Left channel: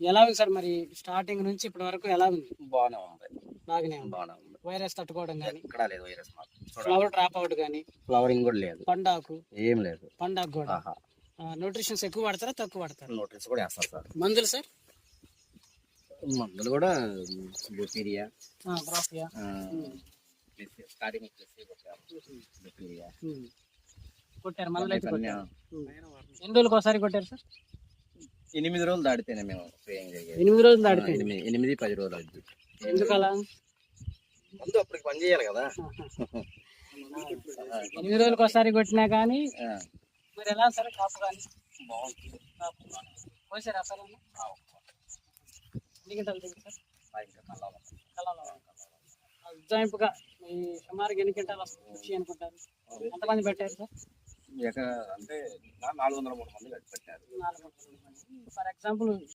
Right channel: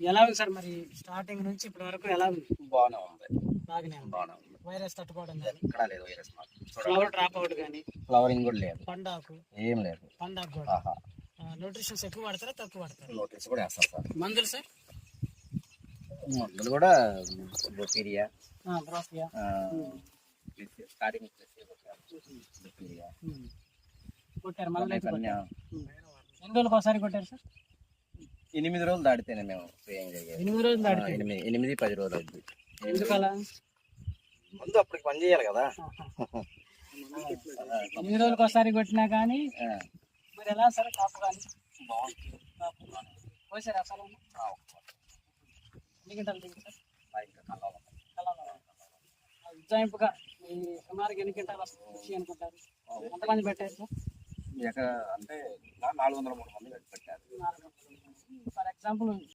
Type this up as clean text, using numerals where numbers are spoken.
ఎలా ఉంది సార్ మరి స్టార్టింగ్ నుంచి ఇప్పటి వరకు ఎలా ఉంది? బాగానే ఉంది. బాగానే ఉంది. బాగానే ఉంది. వైరస్ తట్టుకోవడం కానీ, ఎక్కడా లేదు వైరస్ మాకు. ఫ్లవర్ డ్రాప్ అవుట్ కానీ, ఫ్లవరింగ్ కూడా లేదు, పండాకు ఏం లేదు. పండాకు కూడా ఆహా, న్యూట్రిషన్స్ ఎక్కువ వాడతారా తక్కువ వాడతారా? నోటీస్ కూడా వేస్తారు సార్. మందులు సార్? మందులు కూడా బొపీరియా, బ్రోఫియా స్టార్టింగ్ బొపీరియా కొట్టారు మళ్ళీ అయితే అన్ని కొట్టారు. ఎన్ని రోజులకు ఒకసారి కొట్టారు సార్? 8 రోజులు దాటితేనే మేము స్ప్రేయింగ్ జరిగేది. 8 రోజులు దాటితే 8-10 రోజులు అవుతుంది. ఎందుకు అలా? ముందు అప్పటికి పని చేయాలి కదా. 8 రోజులకు ఒకసారి కొట్టినా కానీ మరి ఎలా సరే కాపు కానీ బాగుంటుంది. కోసారు అసలు ఎన్ని గంటలు దిగింది సార్? ఇంకా కళ్ళలో ఉజ్జాయింపుగా ఈ సుమారుగా ఎన్ని గంటలు వస్తుంది అనుకుంటారు? ఎంతమంది పెట్టారు సార్? అంటే 400-300 మంది పెట్టారు. For example